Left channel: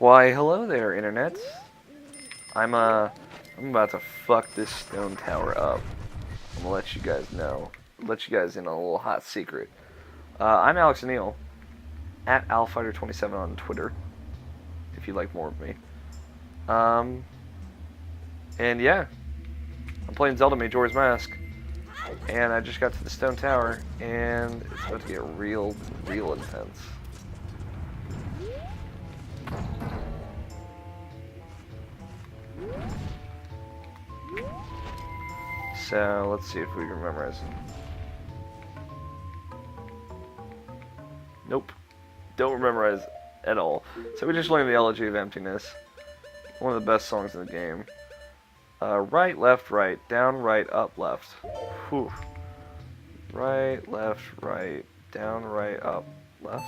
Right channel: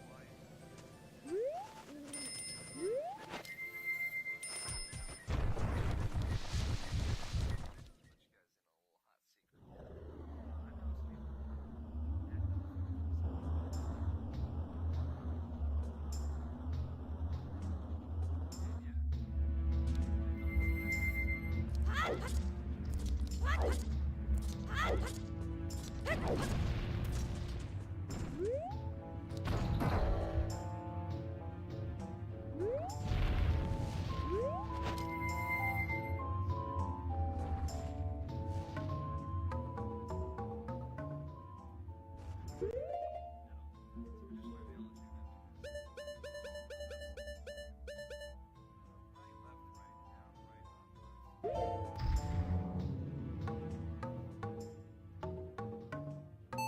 Why, hello there, internet. I'm about to fuck this stone tower up. I'm gonna let you guys know. Let you guys in on a little hot secret. I'm Alex Neal, at AlFighter27 on Twitter, if you'd like more of me. Um, and yeah, I'm playing Zelda Majora's Mask, and I just got to the stone tower, and it's about to get real intense. So, let's see if we can memorize it. Nope. Don't memorize at all. So we just learned the Elegy of Emptiness. One of the best songs in the game. Right, left, right. Down, right, up, left. Whew. Right, left, right. Down, right, up, left.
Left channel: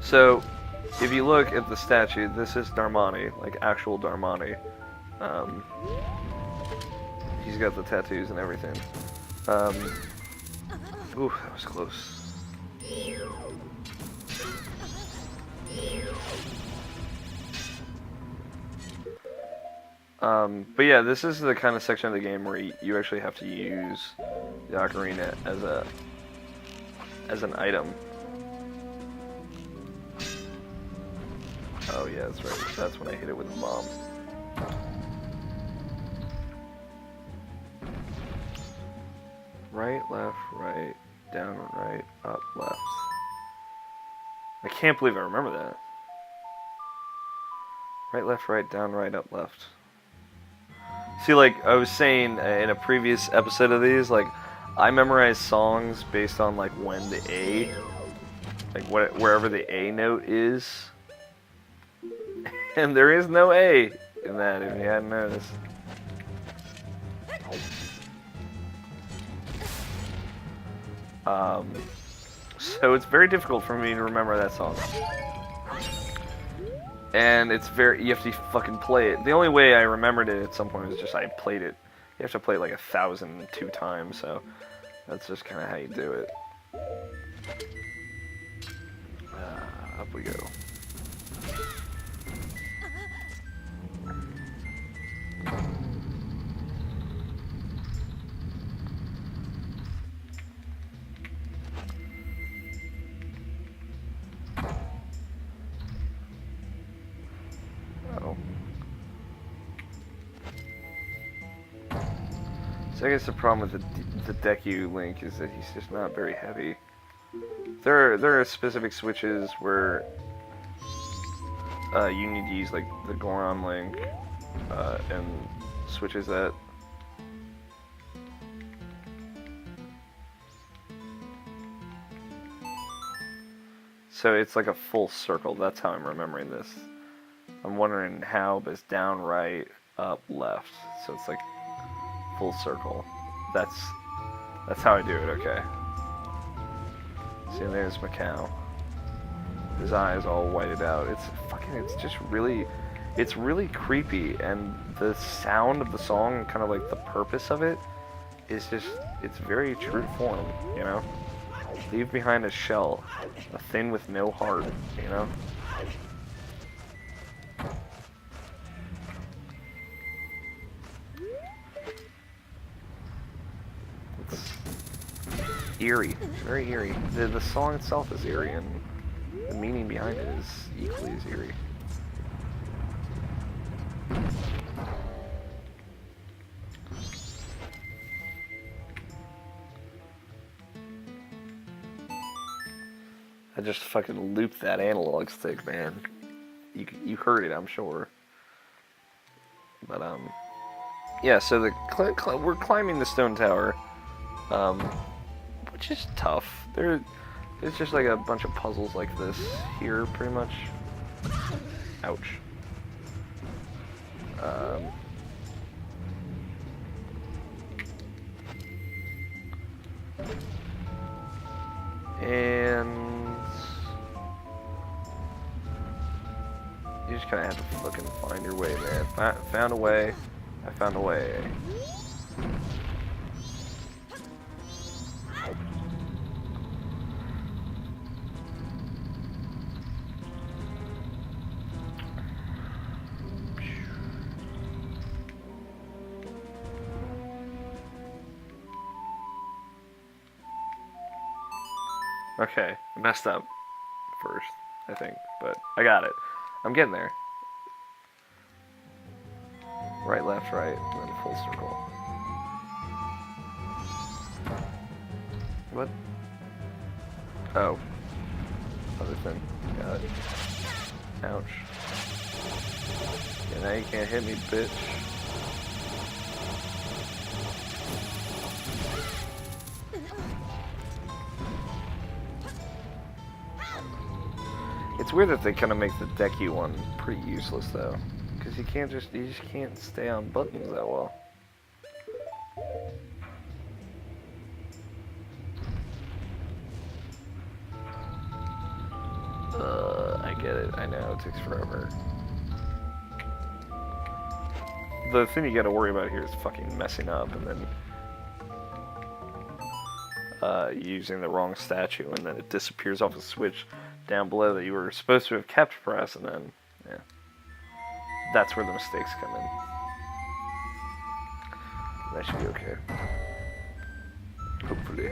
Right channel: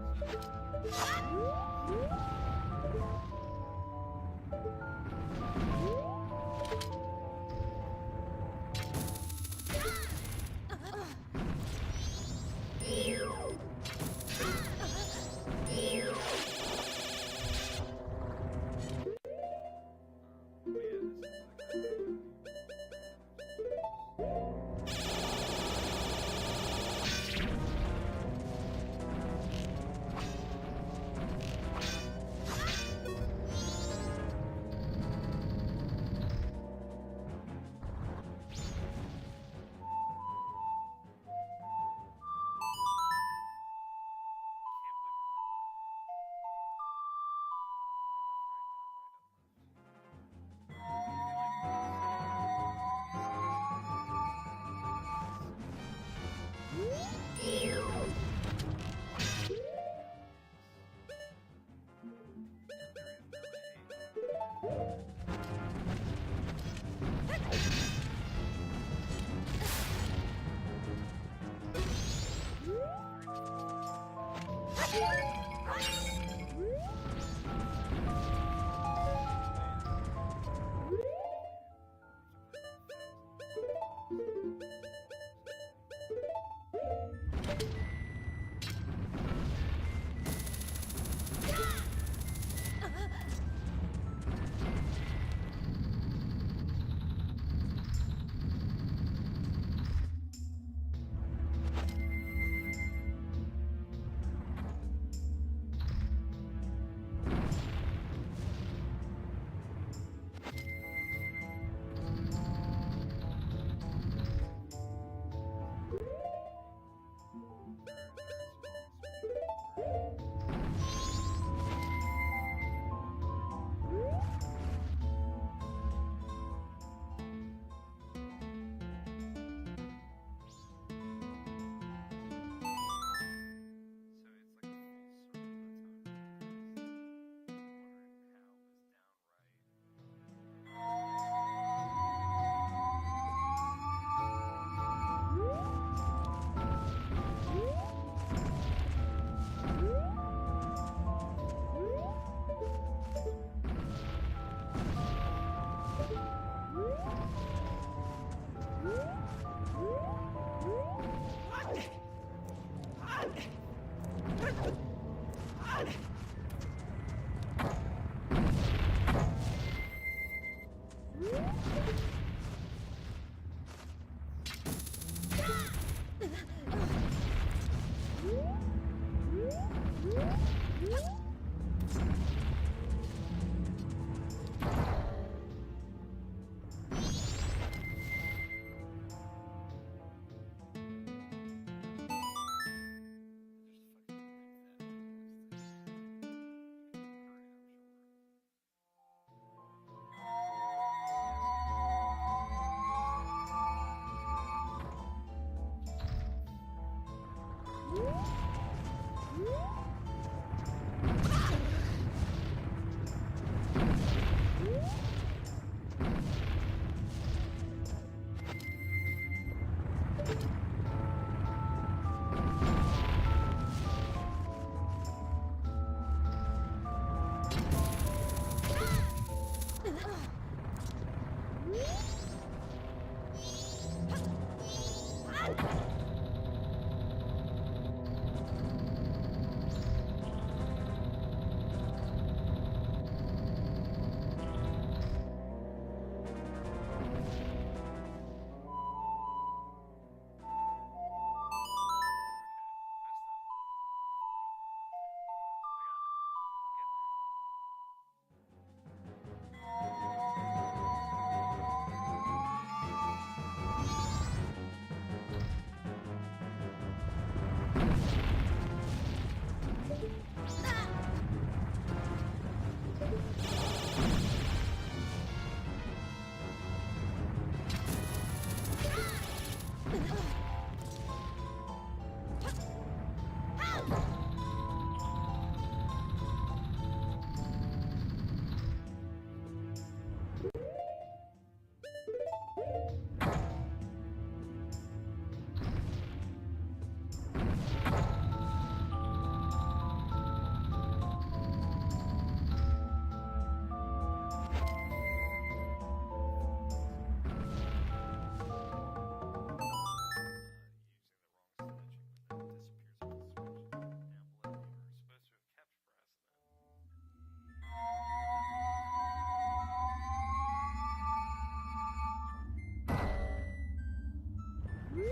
So, if you look at the statue, this is Darmani, like actual Darmani. He's got the tattoos and everything. Ooh, that was close. But yeah, this is the kind of section of the game where you actually have to use the ocarina as an item. Oh yeah, that's right. That's when I hit it with the bomb. Right, left, right, down, right, up, left. I can't believe I remember that. Right, left, right, down, right, up, left. See, like I was saying in a previous episode of these, like I memorize songs based on like when the A, like wherever the A note is, and there is no A in that. If you hadn't noticed. So it's very difficult for me to remember that song. And it's you have to fucking play it. The only way I remembered it at some point was just I played it. You have to play it like 1,002 times, so that's just kind of how you do it. Up we go. So I guess the problem with the Deku Link is that he's just not very heavy. There are specific switches where you need to use like the Goron Link and switches that. So it's like a full circle. That's how I'm remembering this. I'm wondering how, but it's down, right, up, left. So it's like full circle. That's how I do it. Okay. See, there's Macau. His eyes all whited out. It's really creepy, and the sound of the song, kind of like the purpose of it, is just, it's very true to form, you know? Leave behind a shell, a thing with no heart, you know? It's eerie, it's very eerie. The song itself is eerie, and the meaning behind it is equally as eerie. I just fucking looped that analog stick, man. You heard it, I'm sure. But yeah. So we're climbing the stone tower, which is tough. There's just like a bunch of puzzles like this here, pretty much. Ouch. And just kind of have to fucking find your way there. Found a way. I found a way. Okay, I messed up first, I think, but I got it. I'm getting there. Right, left, right, and then full circle. What? Oh. Other thing. Got it. Ouch. And now you can't hit me, bitch. It's weird that they kind of make the decky one pretty useless though, because you just can't stay on buttons that well. I get it. I know it takes forever. The thing you gotta worry about here is fucking messing up and then using the wrong statue, and then it disappears off a switch down below that you were supposed to have kept pressed, and then, yeah. That's where the mistakes come in. That should be okay. Hopefully.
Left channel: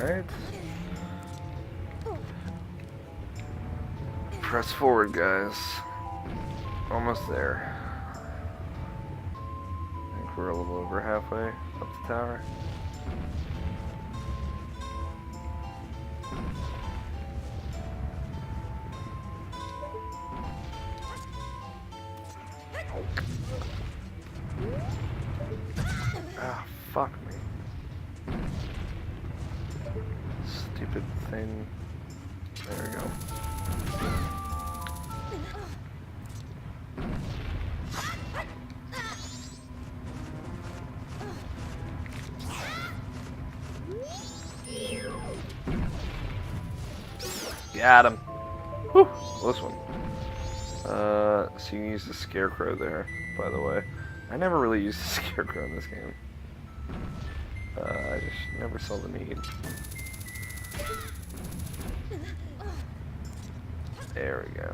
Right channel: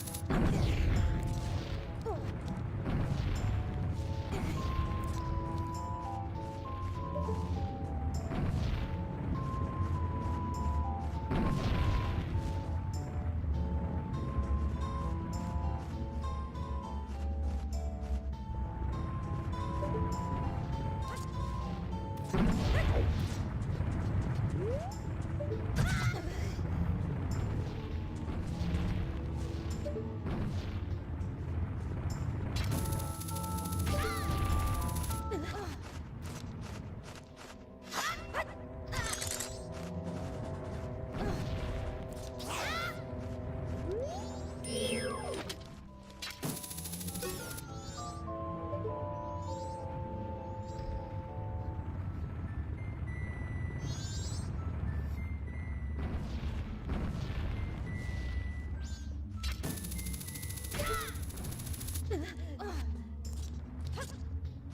Alright. Press forward, guys. Almost there. I think we're a little over halfway up the tower. Ah, fuck. Stupid thing. There we go. Got him. Whew, close one. So you use the scarecrow there, by the way. I never really used the scarecrow in this game. I just never saw the need. There we go.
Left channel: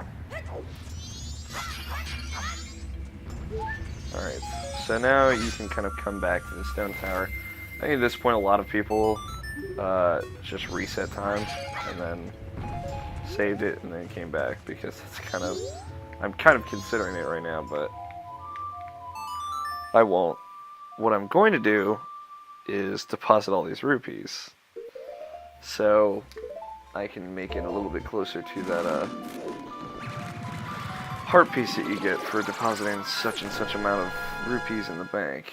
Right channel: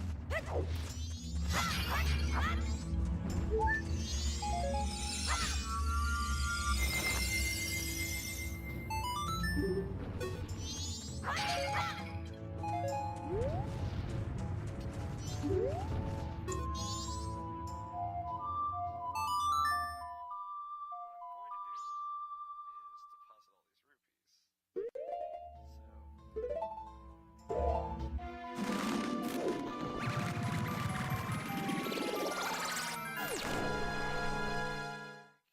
Alright, so now you can kind of come back to the stone tower. I think at this point a lot of people just reset time and then saved it and then came back, because it's kind of, I'm kind of considering it right now, but I won't. What I'm going to do is deposit all these rupees, so I can make it a little bit closer to that heart piece that you get for depositing such and such amount of rupees in the bank.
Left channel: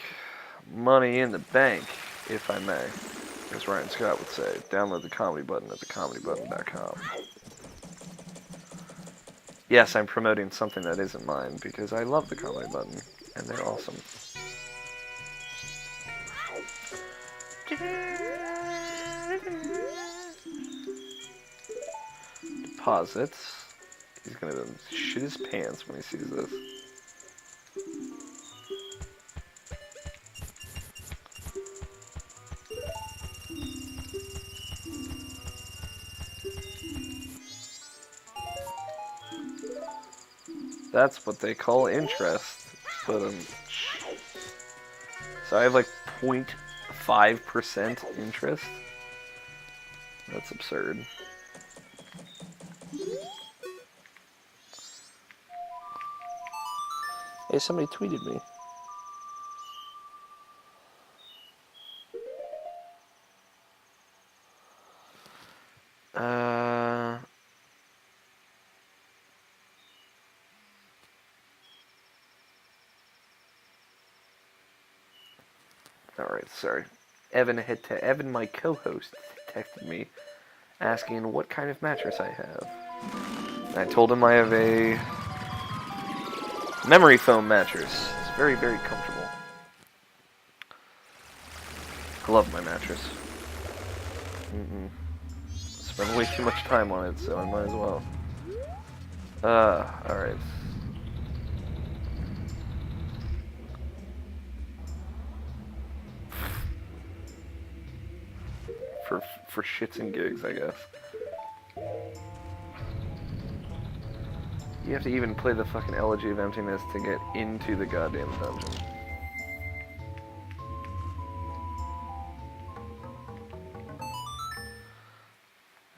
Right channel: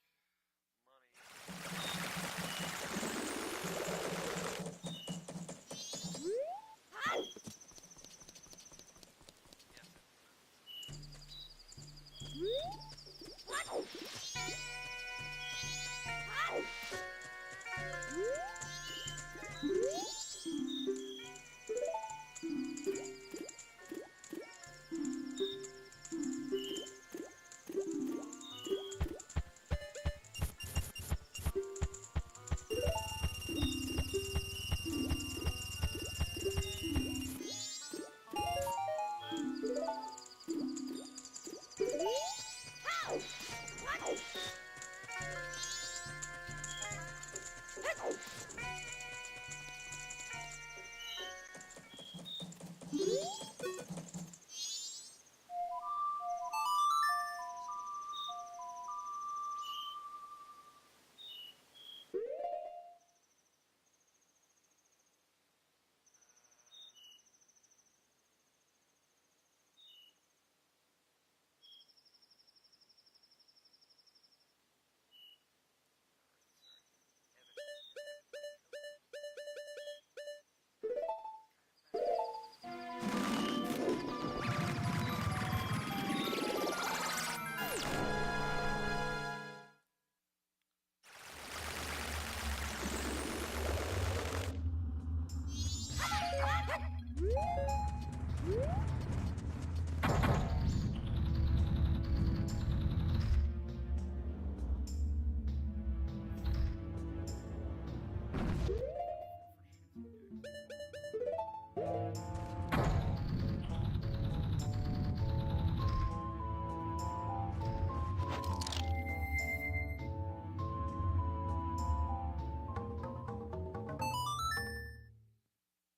Money in the bank, if I may. As Ryan Scott would say, download the comedy button at thecomedybutton.com. Yes, I'm promoting something that isn't mine, because I love the comedy button, and they're awesome. Deposits. He's gonna shit his pants when he sees this. That's what they call interest. So I have like 0.5% interest. That's absurd. Hey, somebody tweeted me. Alright, sorry. Evan, my co-host, texted me asking what kind of mattress I have. And I told him I have a Memory foam mattress. It's very, very comfortable. I love my mattress. Spend way too much time on it, so I might as well. Alright. For shits and gigs, I guess. You have to even play the fucking Elegy of Emptiness to get into the goddamn dungeon.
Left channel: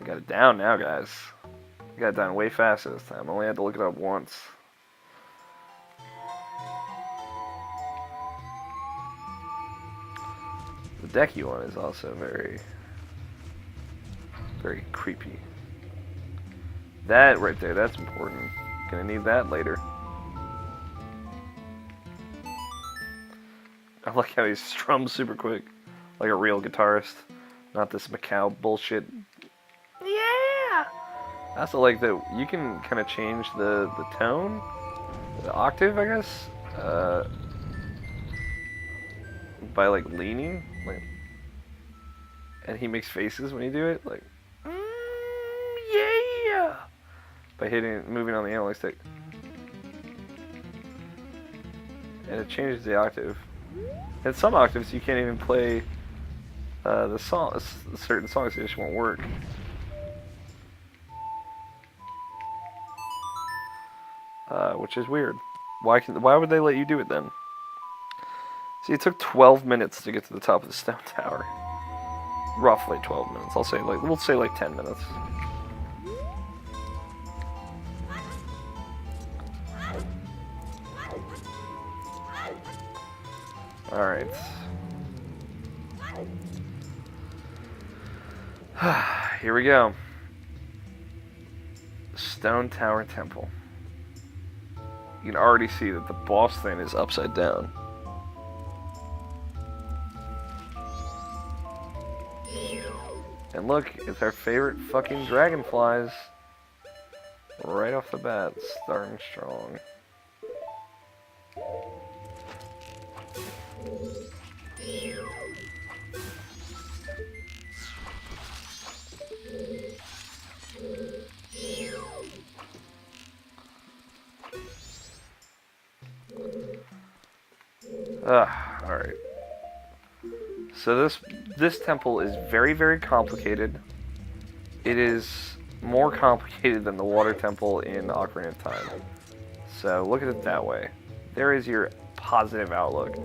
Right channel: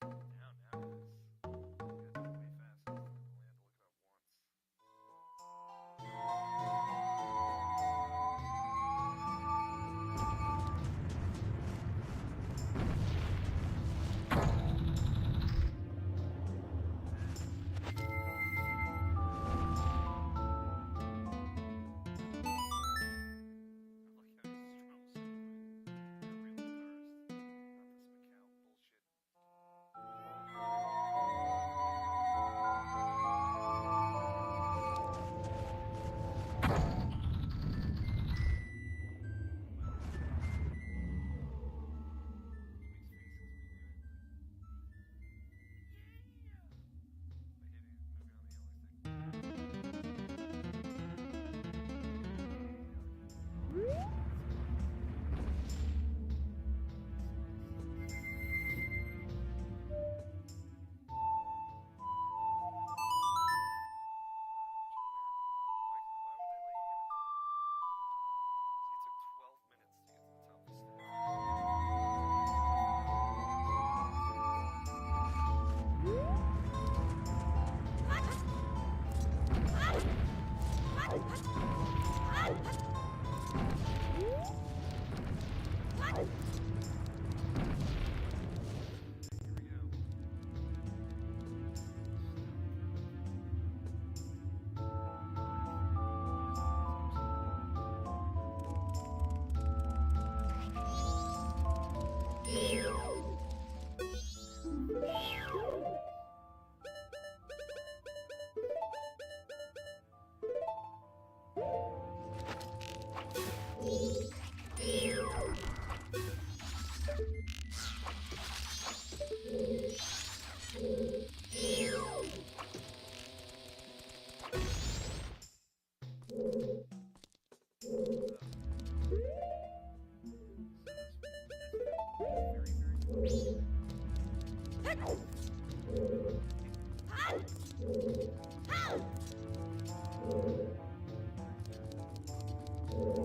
I got it down now, guys. I got it down way faster this time. I only had to look it up once. The Decky one is also very, very creepy. That right there, that's important. Gonna need that later. I like how he strums super quick, like a real guitarist, not this Macau bullshit. Yeah. I also like that you can kind of change the tone, the octave, I guess, by like leaning, like, and he makes faces when you do it, like, yeah, by moving on the analog stick, and it changes the octave. And some octaves you can't even play the song. Certain songs just won't work. Which is weird. Why would they let you do it then? See, it took 12 minutes to get to the top of the stone tower. Roughly 12 minutes. We'll say like 10 minutes. Alright. Here we go. Stone Tower Temple. You can already see that the boss thing is upside down. And look, it's our favorite fucking dragonflies. Right off the bat, starting strong. Alright. So this temple is very, very complicated. It is more complicated than the water temple in Ocarina of Time. So look at it that way. There is your positive outlook.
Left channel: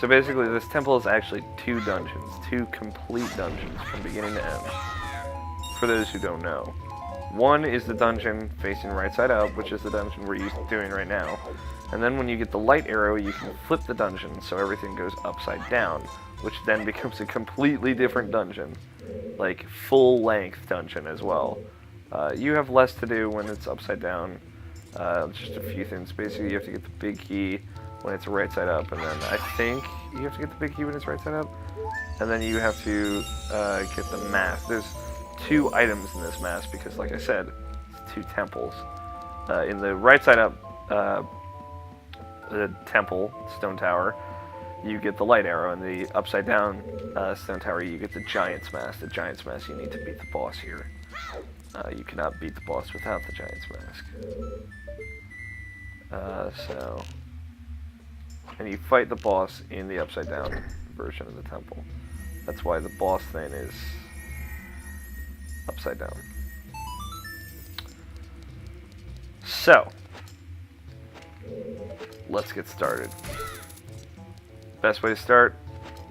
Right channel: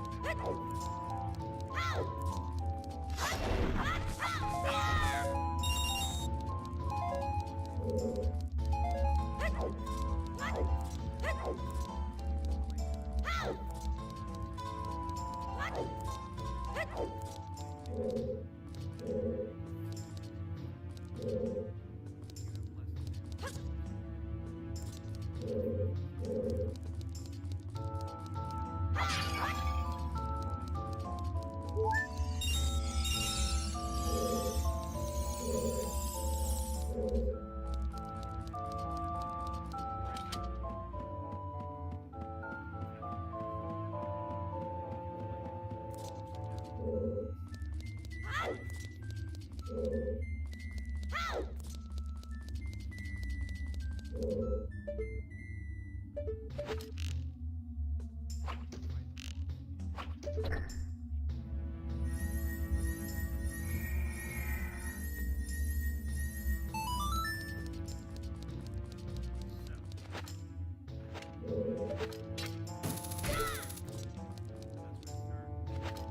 So basically this temple is actually 2 dungeons. 2 complete dungeons from beginning to end. For those who don't know. One is the dungeon facing right side up, which is the dungeon we're doing right now. And then when you get the light arrow, you can flip the dungeon so everything goes upside down, which then becomes a completely different dungeon. Like, full-length dungeon as well. You have less to do when it's upside down. Just a few things. Basically, you have to get the big key when it's right side up, and then I think you have to get the big key when it's right side up. And then you have to get the mask. There's 2 items in this mask because, like I said, it's 2 temples. In the right side up the temple, stone tower, you get the light arrow. In the upside down stone tower, you get the giant's mask. The giant's mask, you need to beat the boss here. You cannot beat the boss without the giant's mask. And you fight the boss in the upside down version of the temple. That's why the boss thing is upside down. So, let's get started. Best way to start,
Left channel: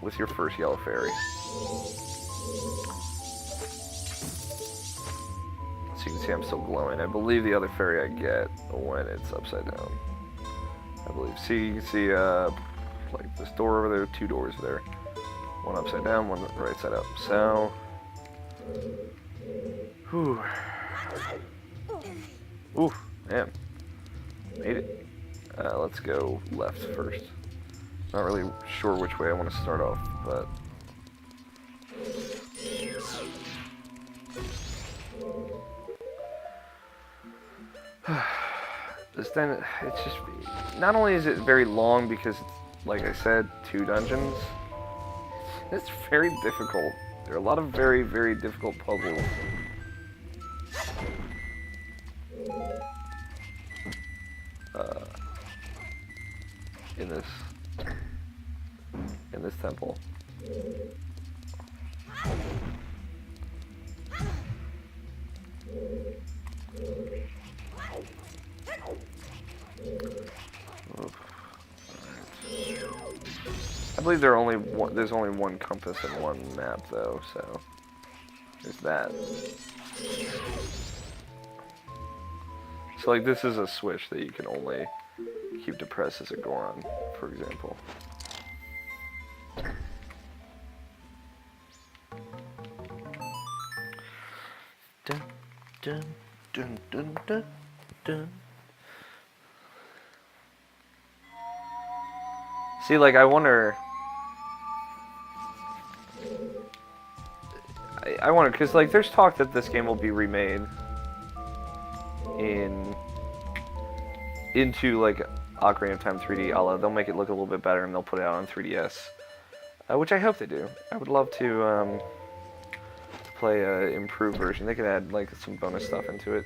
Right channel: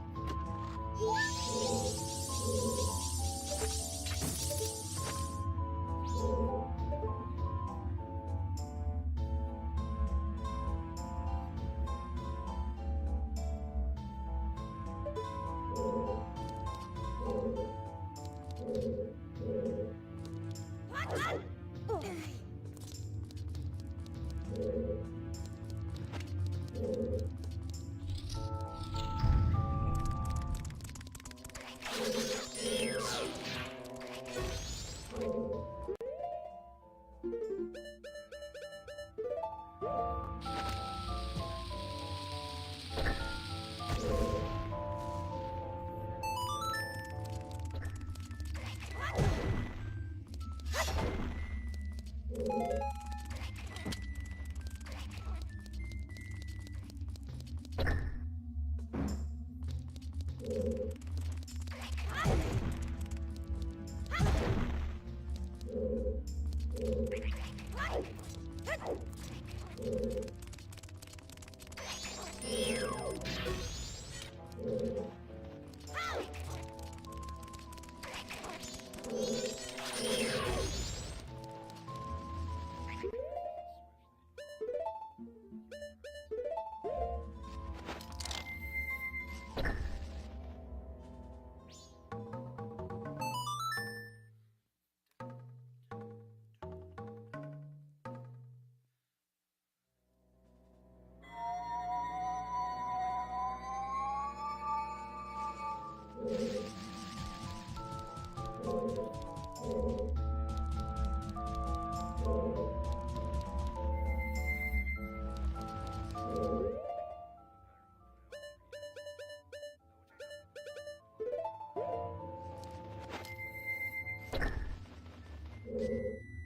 with your first yellow fairy. So you can see I'm still glowing. I believe the other fairy I get when it's upside down. I believe. See, you can see like this door over there, 2 doors there. One upside down, one right side up. So, whew. Ooh, damn. Made it. Let's go left first. Not really sure which way I want to start off, but... because then it's just, not only is it very long because, like I said, 2 dungeons, it's very difficult. There are a lot of very, very difficult puzzles. In this temple. I believe there's only one compass in one map though, so there's that. So like this is a switch that you can only keep depressed as a Goron, for example. Dun, dun, dun, dun, dun, dun. See, like, I wonder... I wonder, because, like, there's talk that this game will be remade into, like, Ocarina of Time 3D, although they'll make it look a little bit better and they'll put it out on 3DS. Which I hope they do. I would love to, play an improved version. They could add, like, some bonus stuff into it.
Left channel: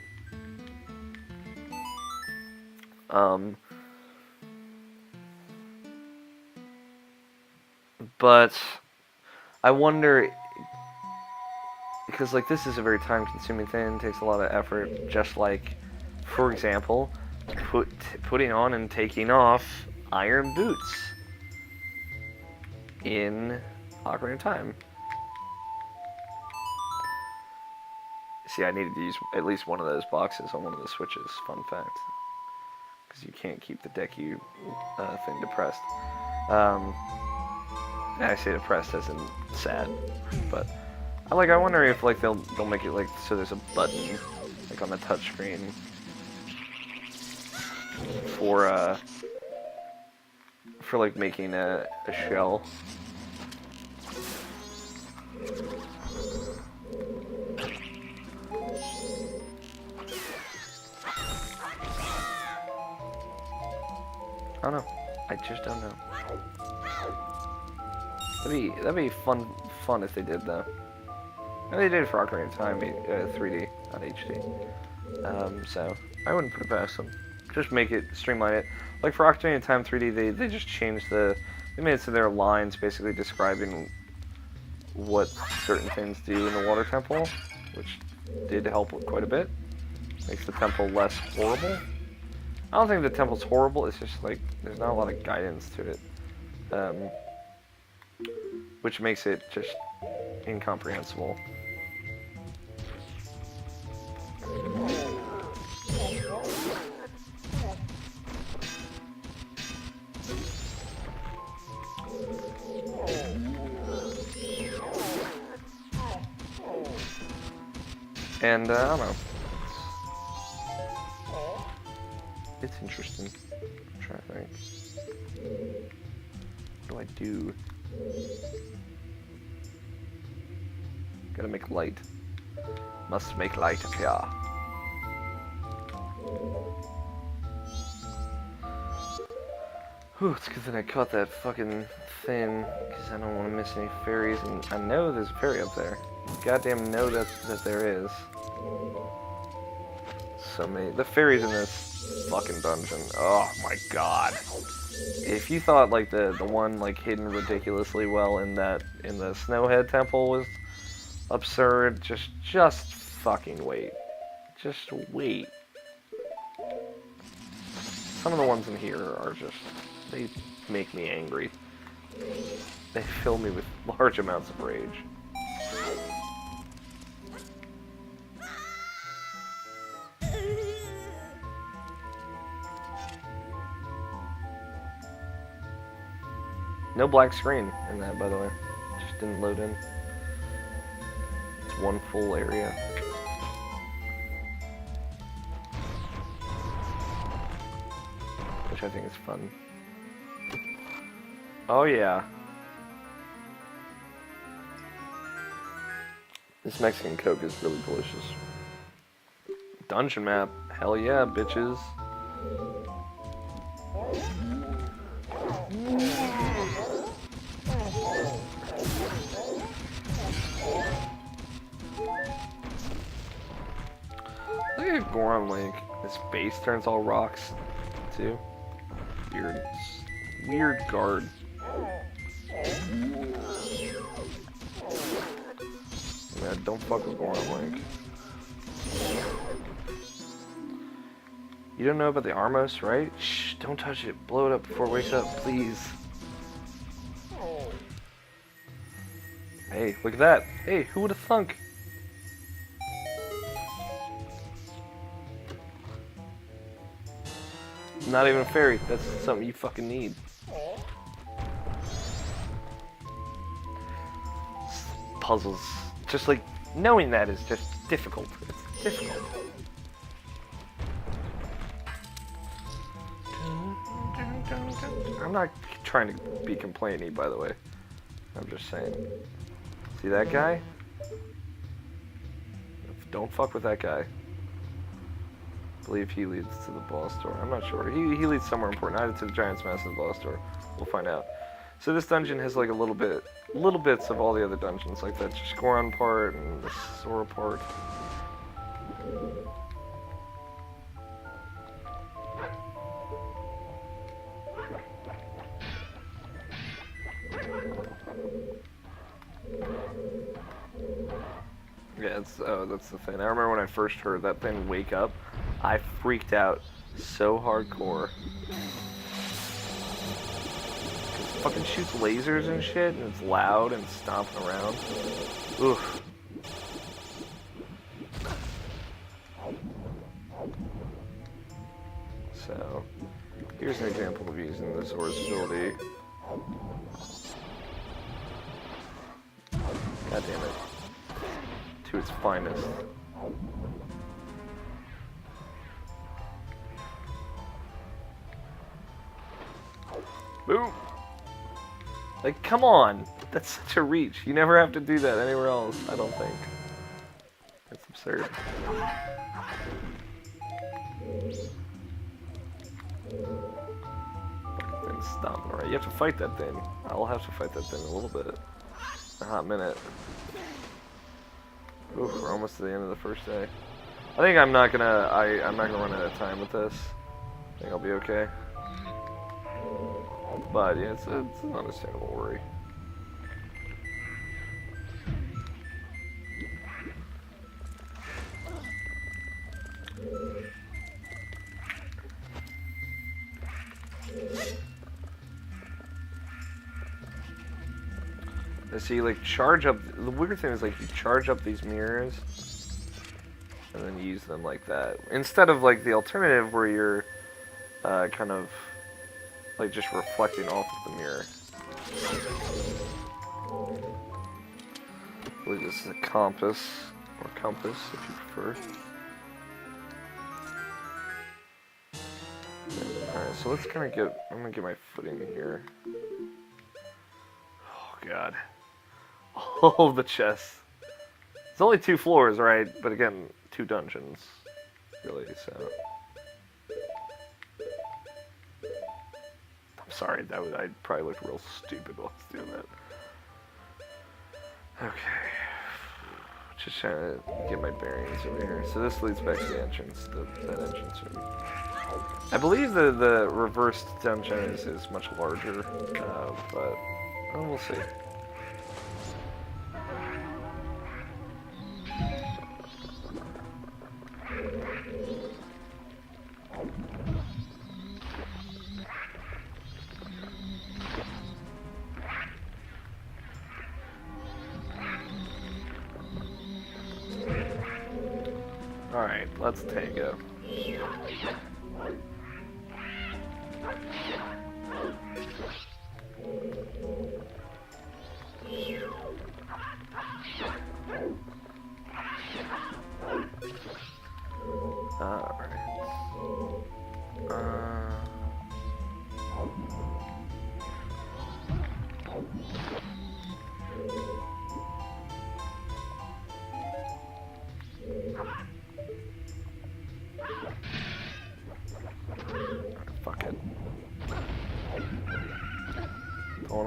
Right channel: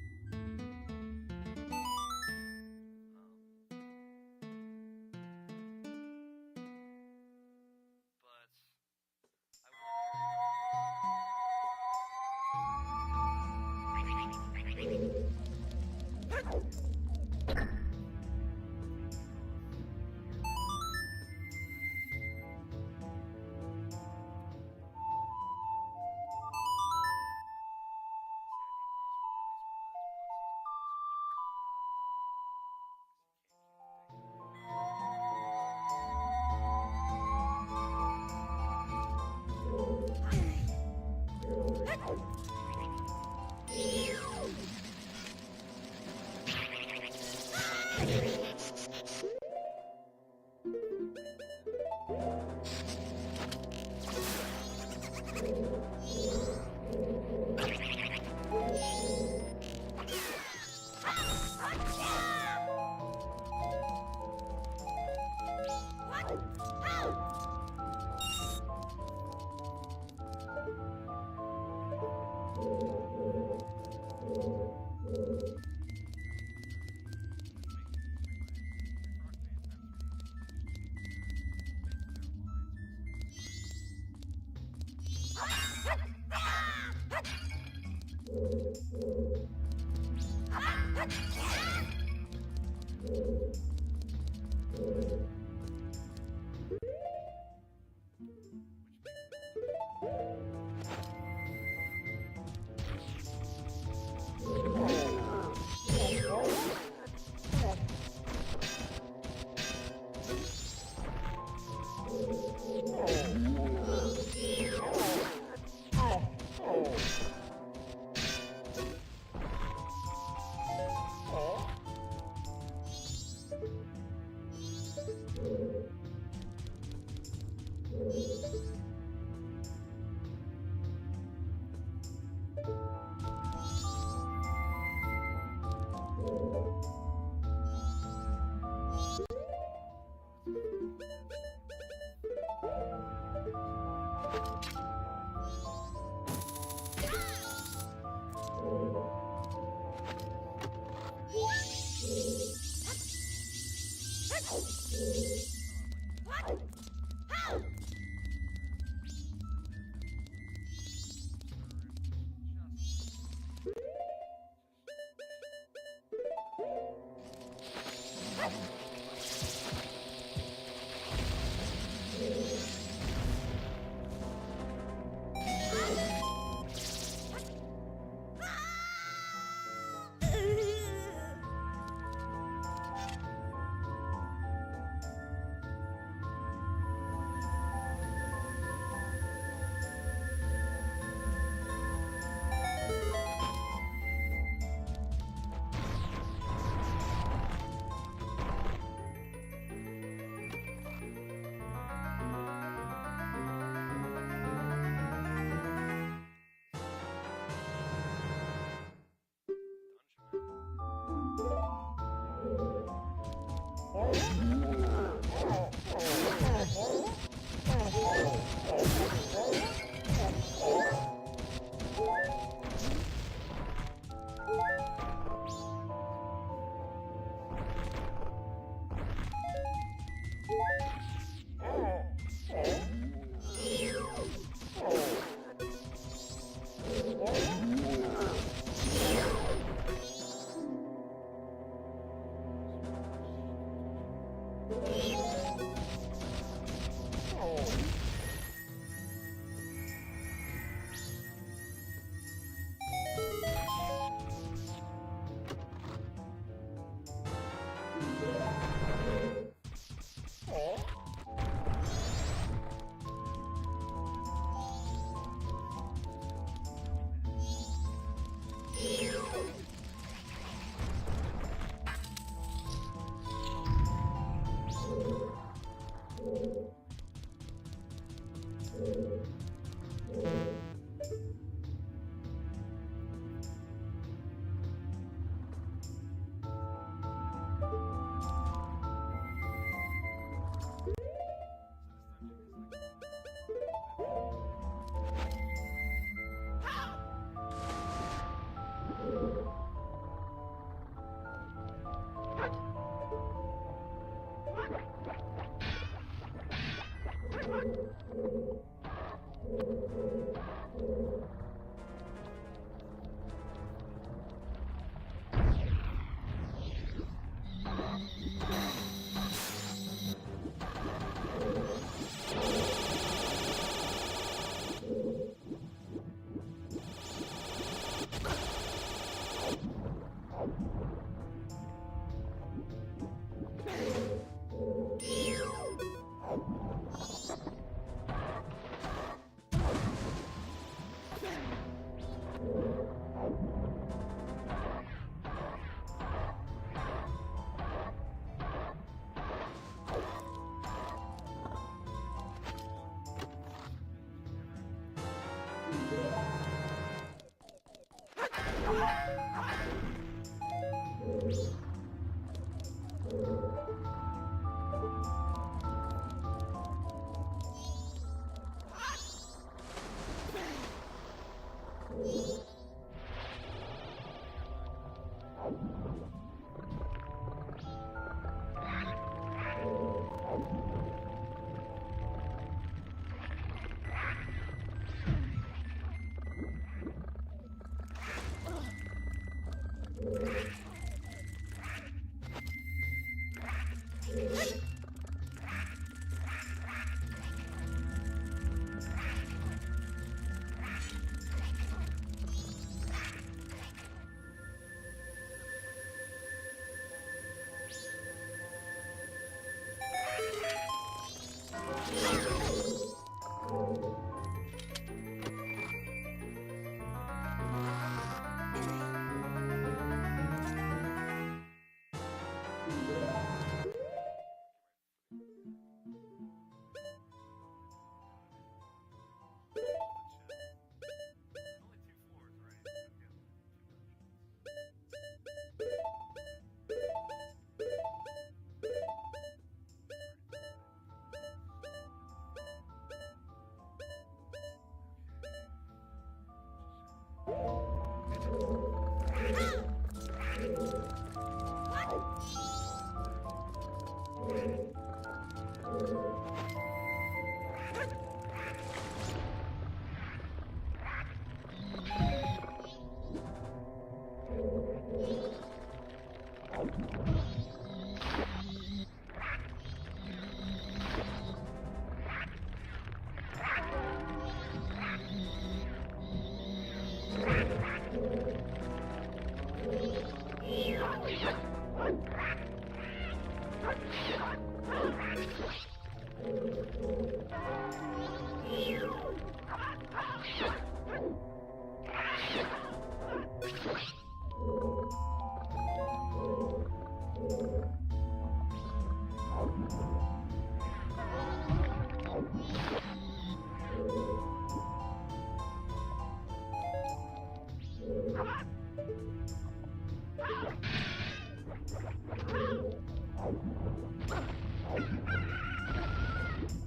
But I wonder, because like this is a very time-consuming thing, it takes a lot of effort. Just like, for example, putting on and taking off iron boots in Ocarina of Time. See, I needed to use at least one of those boxes on one of the switches. Fun fact, because you can't keep the Deku thing depressed. I say depressed as in sad, but I wonder if like they'll make it like so there's a button like on the touchscreen for like making a shell. I don't know. I just don't know. That'd be fun if they did though. And they did it for Ocarina of Time 3D, not HD. So I wouldn't put it past them. Just make it, streamline it. Like for Ocarina of Time 3D, they just changed they made it so there are lines basically describing what certain things do in the water temple, which did help quite a bit. Makes the temple less horrible. I don't think the temple's horrible, it's just like, there's not a lot of guidance to it. Which makes it just incomprehensible. And, I don't know. It's interesting. I'm trying to think. What do I do? Gotta make light. Must make light appear. Whew, it's good that I caught that fucking thing, because I don't want to miss any fairies, and I know there's a fairy up there. Goddamn know that there is. So many. The fairies in this fucking dungeon. Oh my god. If you thought like the one like hidden ridiculously well in the Snowhead Temple was absurd, just fucking wait. Just wait. Some of the ones in here are just, they make me angry. They fill me with large amounts of rage. No black screen in that, by the way. Just didn't load in. It's one full area. Which I think is fun. Oh yeah. This Mexican Coke is really delicious. Dungeon map. Hell yeah, bitches. Look at Goron Link. His base turns all rocks, too. Weird. Weird guard. Yeah, don't fuck with Goron Link. You don't know about the Armos, right? Shh, don't touch it. Blow it up before it wakes up, please. Hey, look at that. Hey, who would have thunk? Not even a fairy. That's something you fucking need. Puzzles. Just like, knowing that is just difficult. It's difficult. I'm not trying to be complaining, by the way. I'm just saying. See that guy? Don't fuck with that guy. I believe he leads to the boss door. I'm not sure. He leads somewhere important. Either to the Giant's Massive boss door. We'll find out. So this dungeon has like little bits of all the other dungeons, like that Goron part and the Sora part. Yeah, that's the thing. I remember when I first heard that thing wake up, I freaked out so hardcore. It fucking shoots lasers and shit, and it's loud and stomps around. Oof. So, here's an example of using this Sora's ability. God damn it. To its finest. Boom! Like, come on! That's such a reach. You never have to do that anywhere else, I don't think. That's absurd. Fucking stop. Alright, you have to fight that thing. I'll have to fight that thing a little bit. A hot minute. Oof, we're almost to the end of the first day. I think I'm not gonna run out of time with this. I think I'll be okay. But yeah, it's an understandable worry. So you like charge up, the weird thing is like you charge up these mirrors and then use them like that. Instead of like the alternative where you're kind of like just reflecting off of the mirror. I believe this is a compass, or compass if you prefer. Alright, so let's kind of I'm gonna get my footing here. Oh god. Oh, the chests. It's only 2 floors, right? But again, 2 dungeons, really, so. I'm sorry, I'd probably look real stupid while I was doing that. Okay. Just trying to get my bearings over here. So this leads back to the entrance. That entrance room. I believe the reversed dungeon is much larger, but we'll see. Alright, let's tango.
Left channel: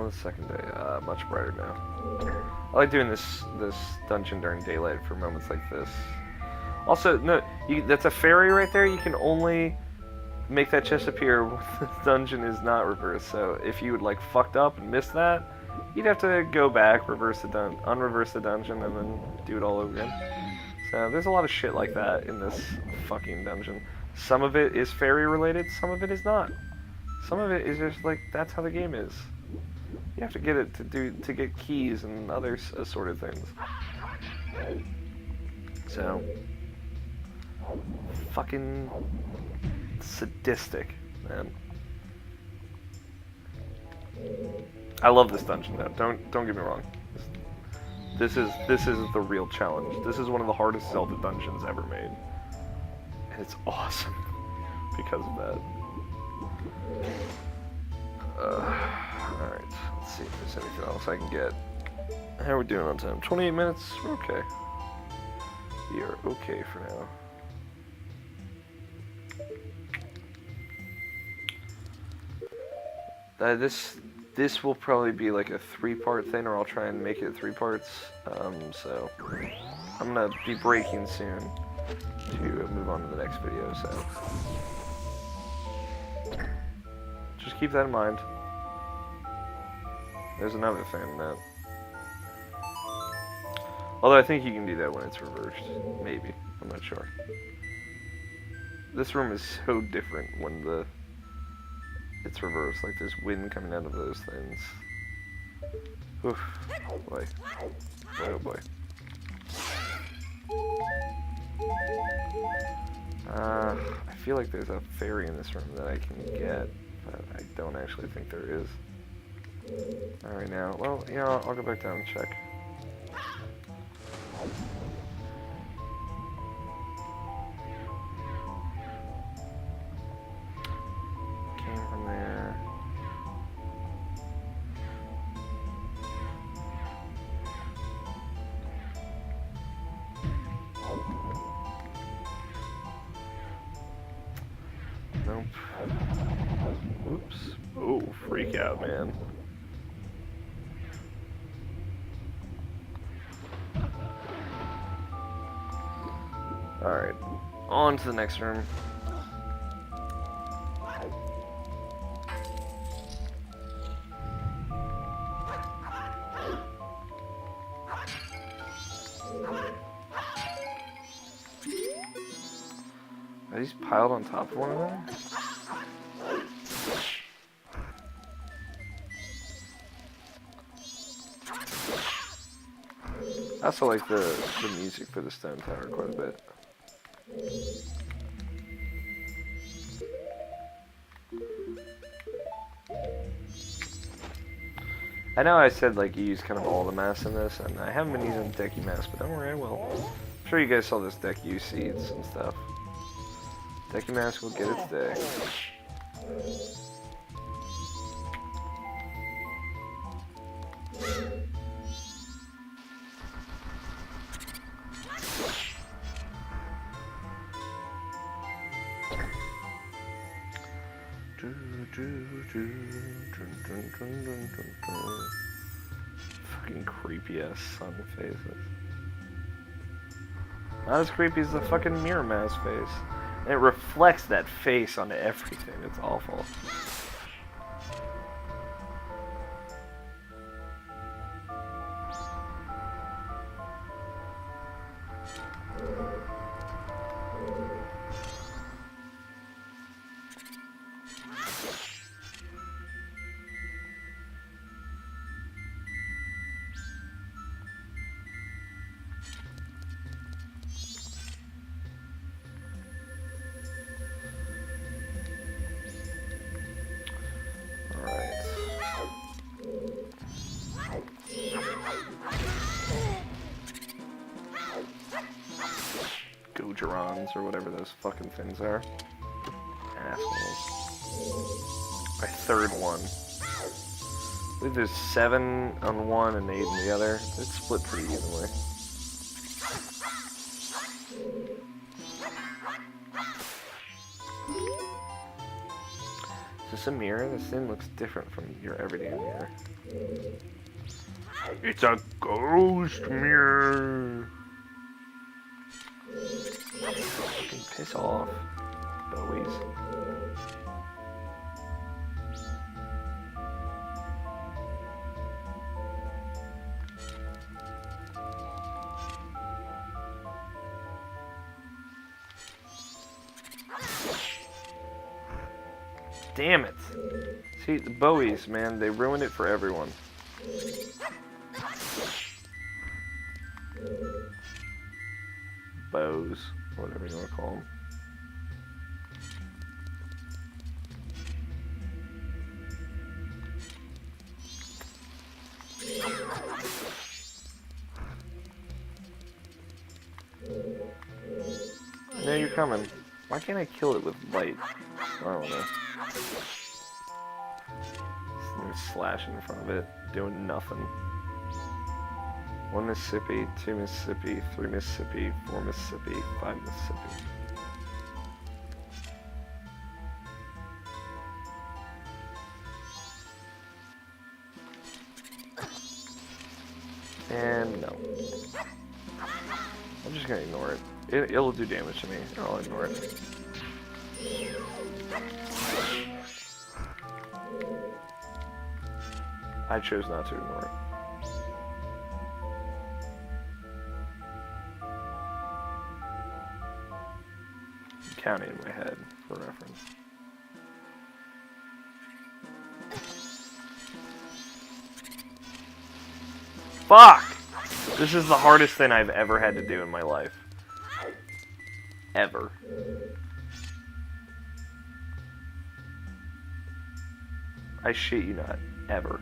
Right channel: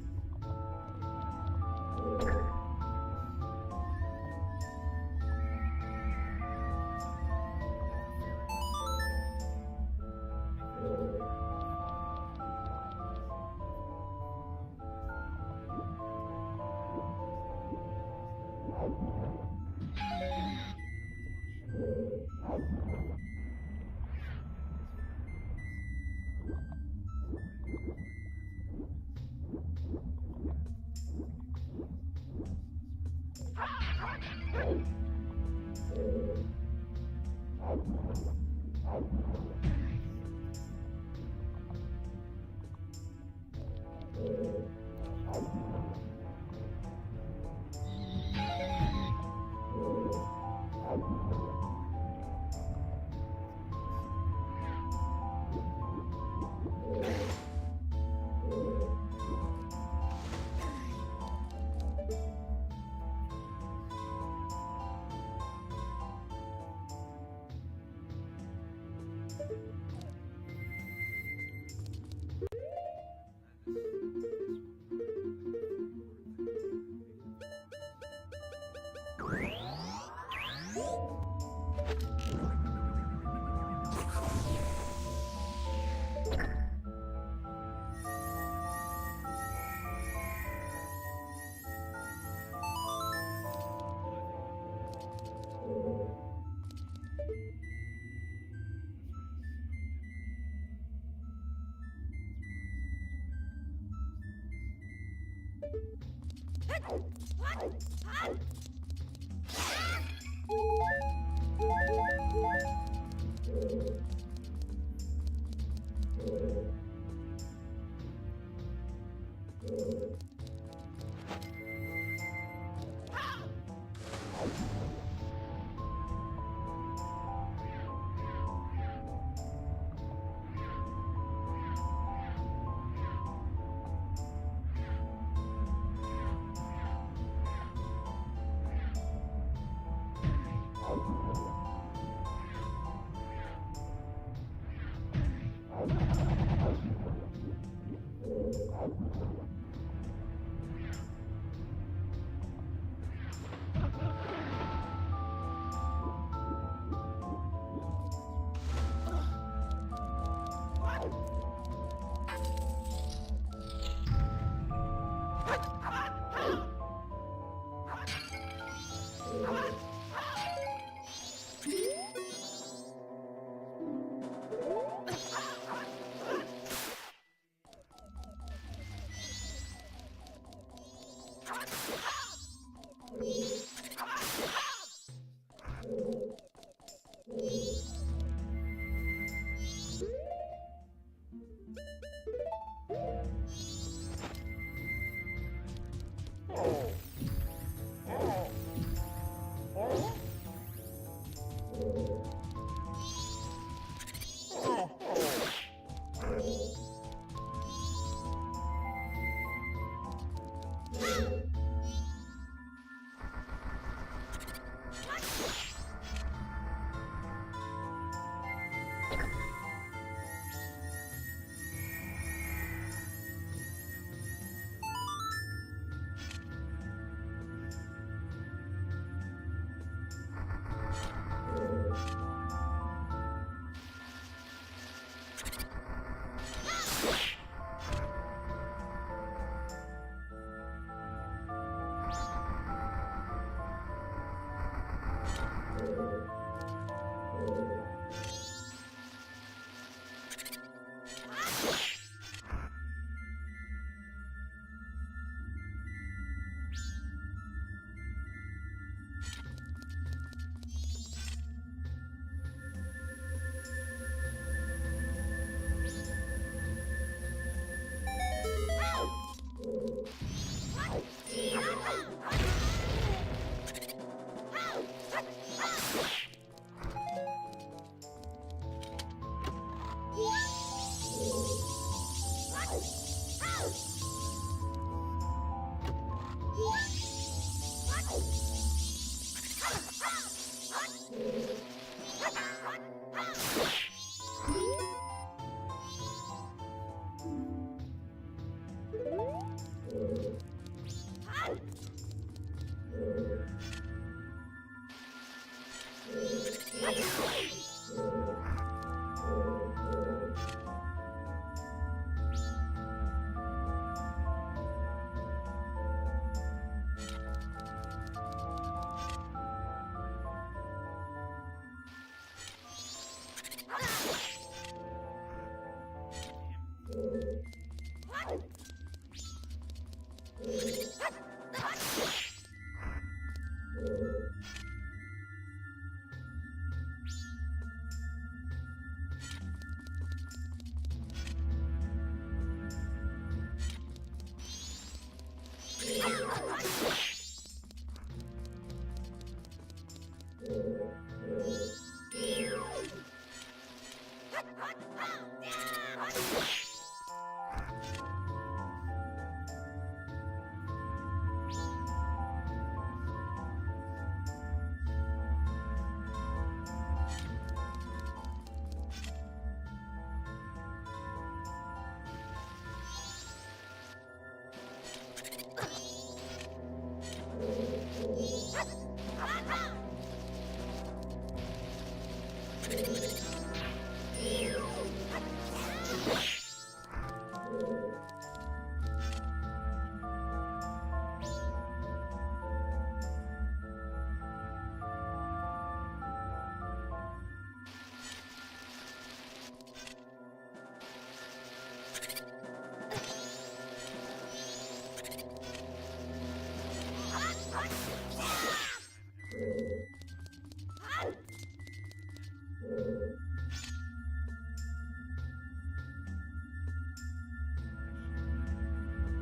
on the second day. Much brighter now. I like doing this dungeon during daylight for moments like this. Also, no, that's a fairy right there. You can only make that chest appear when the dungeon is not reversed. So if you would like fucked up and missed that, you'd have to go back, unreverse the dungeon, and then do it all over again. So there's a lot of shit like that in this fucking dungeon. Some of it is fairy related, some of it is not. Some of it is just like that's how the game is. You have to get it to get keys and other assorted things. So fucking sadistic, man. I love this dungeon though. Don't get me wrong. This is the real challenge. This is one of the hardest Zelda dungeons ever made. And it's awesome because of that. Alright, let's see if there's anything else I can get. How are we doing on time? 28 minutes? We're okay. We are okay for now. This will probably be like a 3-part thing, or I'll try and make it 3 parts. So I'm gonna be breaking soon to move on to the next video. So just keep that in mind. There's another thing that. Although I think you can do that when it's reversed. Maybe. I'm not sure. This room is so different when it's reversed. Like there's wind coming out of those things. Oof. Oh boy. Oh boy. I feel like there's a fairy in this room that I can get, but I don't actually think there is. Alright now, well, you know, I'll go back down and check. Freak out, man. Alright, on to the next room. Are these piled on top of one another? I also like the music for the stone tower quite a bit. I know I said like you use kind of all the mass in this, and I haven't been using the decky mass, but don't worry, I will. I'm sure you guys saw this deck use seeds and stuff. Decky mass will get its day. Fucking creepy ass sun faces. Not as creepy as the fucking mirror mask face. And it reflects that face onto everything. It's awful. Or whatever those fucking things are. Assholes. My third one. I believe there's 7 on one and 8 on the other. It's split pretty evenly. It's this a mirror? This thing looks different from your everyday mirror. It's a ghost mirror. Piss off, boys. Damn it. See, the Bowies, man, they ruined it for everyone. Bows, whatever you want to call them. Now you're coming. Why can't I kill it with light? I don't know. Slashing in front of it, doing nothing. 1 Mississippi, 2 Mississippi, 3 Mississippi, 4 Mississippi, 5 Mississippi. And no. I'm just gonna ignore it. It'll do damage to me. I'll ignore it. I chose not to ignore it. I'm counting in my head for reference. Fuck! This is the hardest thing I've ever had to do in my life. Ever. I shit you not. Ever.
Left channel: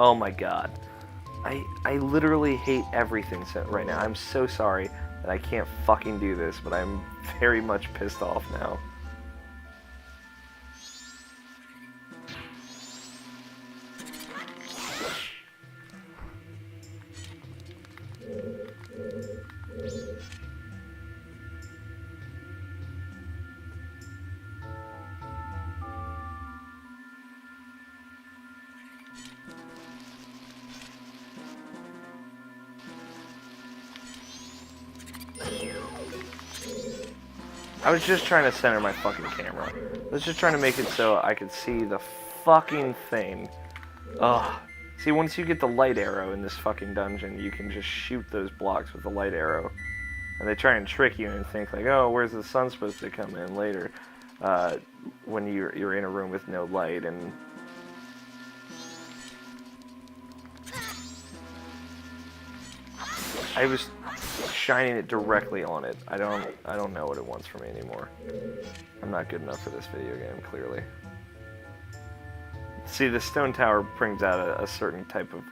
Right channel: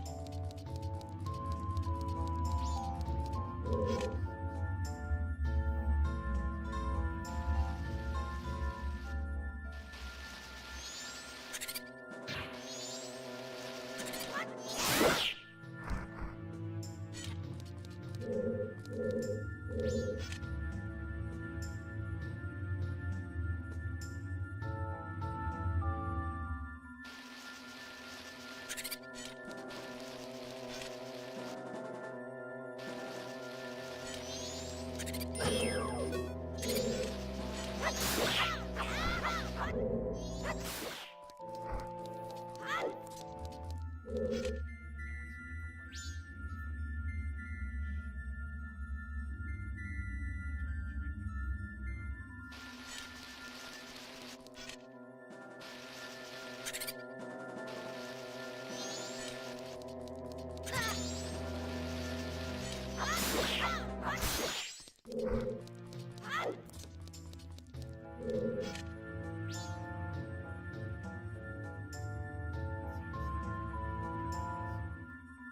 Oh my god. I literally hate everything right now. I'm so sorry that I can't fucking do this, but I'm very much pissed off now. I was just trying to center my fucking camera. I was just trying to make it so I could see the fucking thing. Ugh. See, once you get the light arrow in this fucking dungeon, you can just shoot those blocks with the light arrow. And they try and trick you and think like, oh, where's the sun supposed to come in later? When you're in a room with no light, and I was shining it directly on it. I don't know what it wants from me anymore. I'm not good enough for this video game, clearly. See, the stone tower brings out a certain type of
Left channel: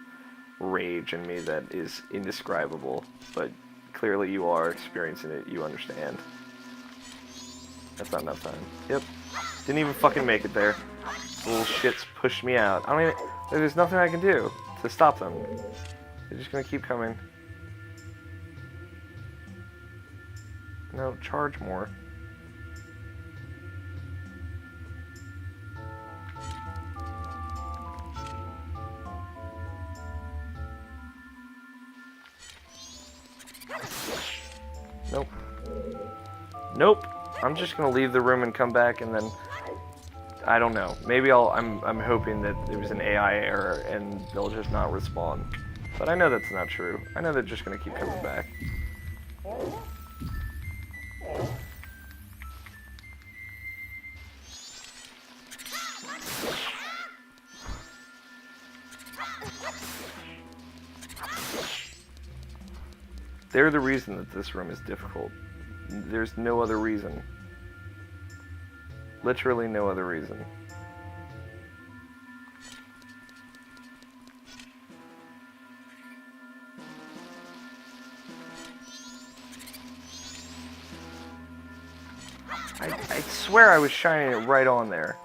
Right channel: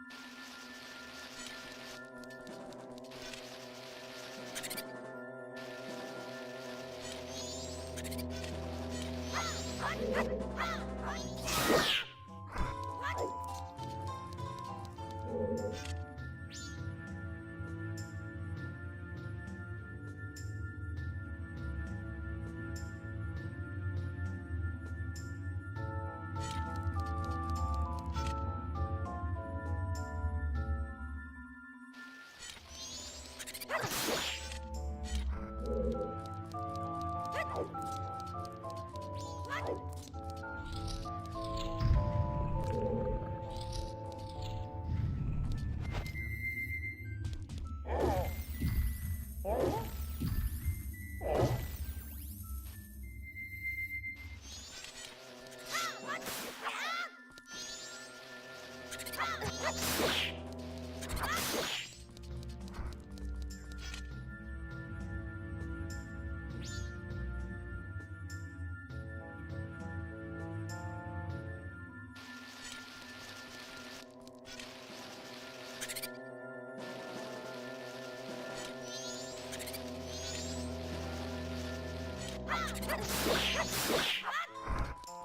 rage in me that is indescribable, but clearly you are experiencing it, you understand. That's not enough time. Yep. Didn't even fucking make it there. Little shits pushed me out. I don't even, there's nothing I can do to stop them. They're just gonna keep coming. No, charge more. Nope. Nope. I'm just gonna leave the room and come back, and then I don't know. Maybe I'm hoping that it was an AI error and they'll just not respawn. But I know that's not true. I know they're just gonna keep coming back. They're the reason that this room is difficult. There's no other reason. Literally no other reason. I swear I was shining it right on there.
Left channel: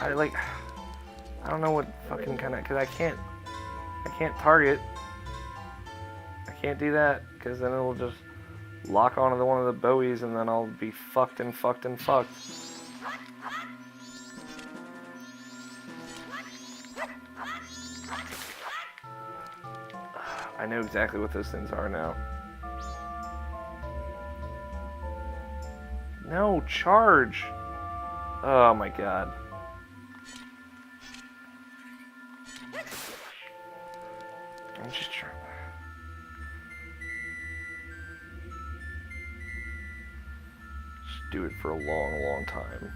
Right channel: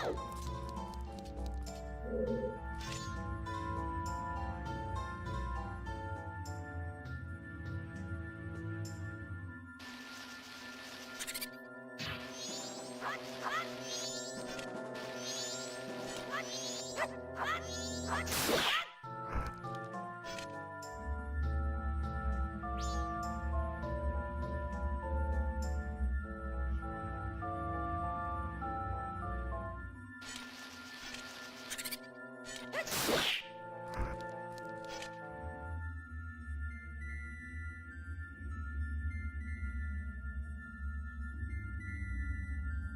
I don't know what fucking kind of, because I can't target. I can't do that, because then it'll just lock onto one of the bowies, and then I'll be fucked and fucked and fucked. I know exactly what those things are now. No, charge! Oh my god. I'm just trying. Just do it for a long, long time.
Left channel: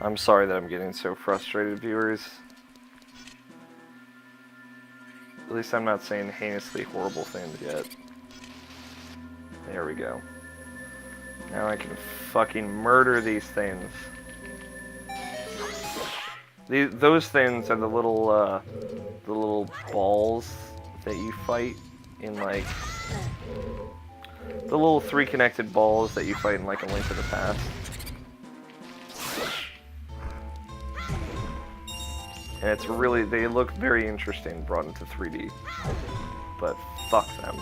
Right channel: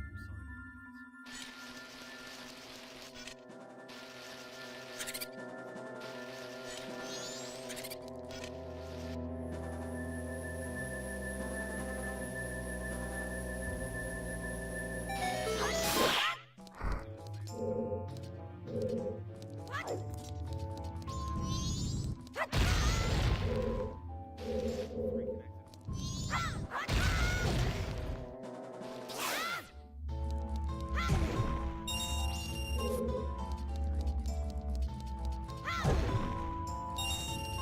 I'm sorry that I'm getting so frustrated, viewers. At least I'm not saying heinously horrible things yet. There we go. Now I can fucking murder these things. Those things are the little balls that you fight in, like, the little 3 connected balls that you fight in, like, A Link to the Past. And it's really, they look very interesting brought into 3D. But fuck them.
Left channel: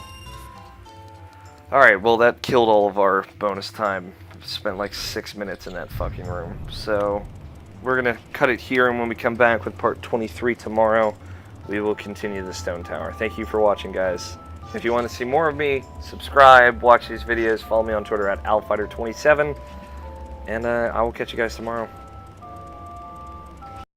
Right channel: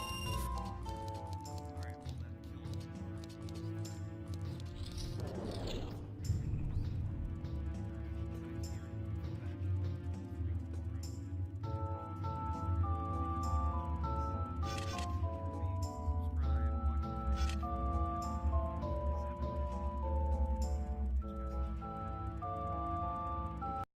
Alright, well that killed all of our bonus time. Spent like 6 minutes in that fucking room. So, we're gonna cut it here, and when we come back with part 23 tomorrow, we will continue the Stone Tower. Thank you for watching, guys. If you want to see more of me, subscribe, watch these videos, follow me on Twitter at AlFighter27, and I will catch you guys tomorrow.